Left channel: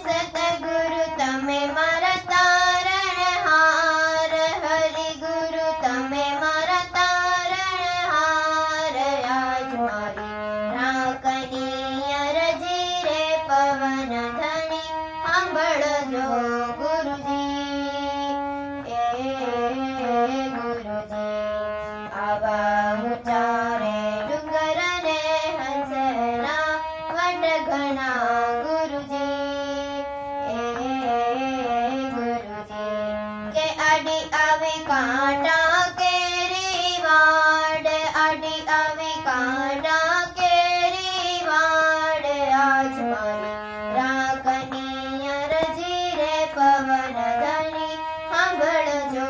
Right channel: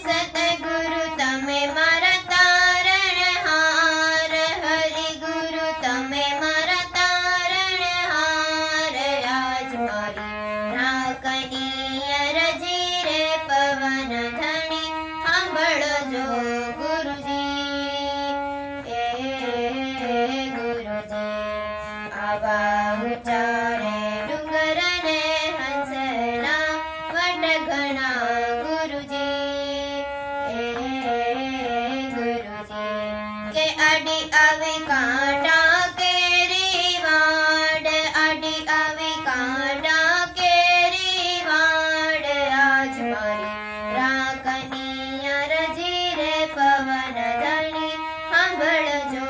સતગુરુ તમે મારા તારણહાર, હરિગુરુ તમે મારા તારણહાર. આજ મારી રાખની અરજી રે પવન ધણી સાંભળજો ગુરુજી. ગુરુજી આવા ઊંચા રે ડુંગર ને હંસના વટ ઘણા ગુરુજી. ગુરુજી કે આડી આવી કાંટા કેરી વાડ, આડી આવી કાંટા કેરી વાડ. આજ મારી રાખની અરજી રે પવન ધણી સાંભળજો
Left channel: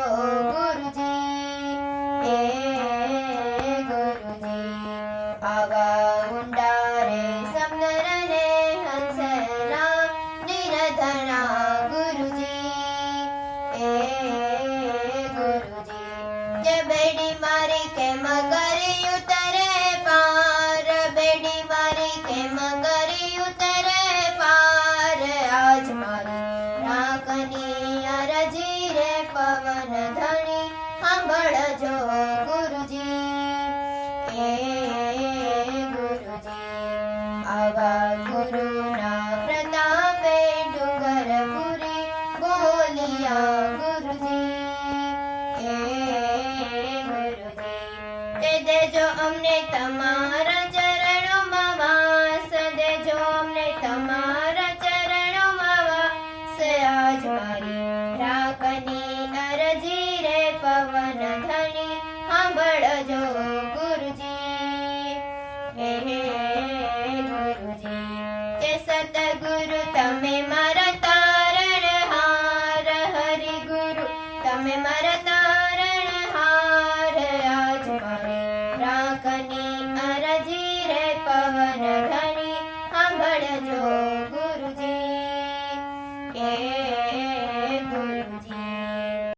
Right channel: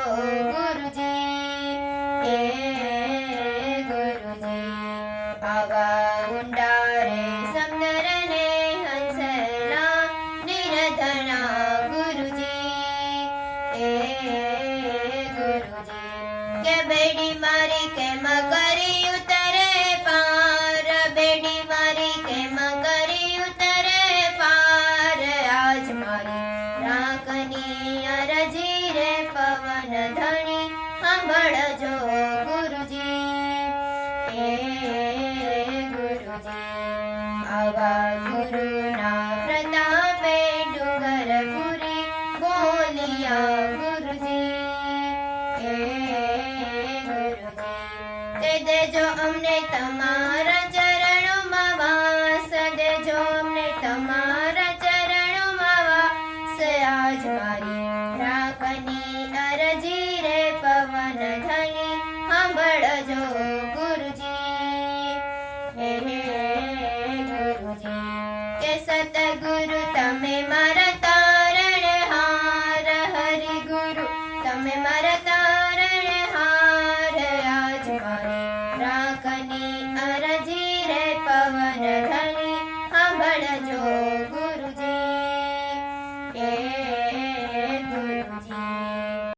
ગુરુજી. ગુરુજી આવા ઊંડા રે સમંદર ને હંસલા નિરધણા ગુરુજી. ગુરુજી કે બેડી મારી કેમ કરી ઉતરે પાર, બેડી મારી કેમ કરી ઉતરે પાર. આજ મારી રાખની અરજી રે પવન ધણી સાંભળજો ગુરુજી. ગુરુજી આવા ગુરુના પ્રતાપે ડુંગર પુરી બોલિયા ગુરુજી. ગુરુજી તે દેજો અમને તમારા ચરણોમાં વાસ, દેજો અમને તમારા ચરણોમાં વાસ. આજ મારી રાખની અરજી રે પવન ધણી સાંભળજો ગુરુજી. ગુરુજી કે સતગુરુ તમે મારા તારણહાર, હરિગુરુ તમે મારા તારણહાર. આજ મારી રાખની અરજી રે પવન ધણી સાંભળજો.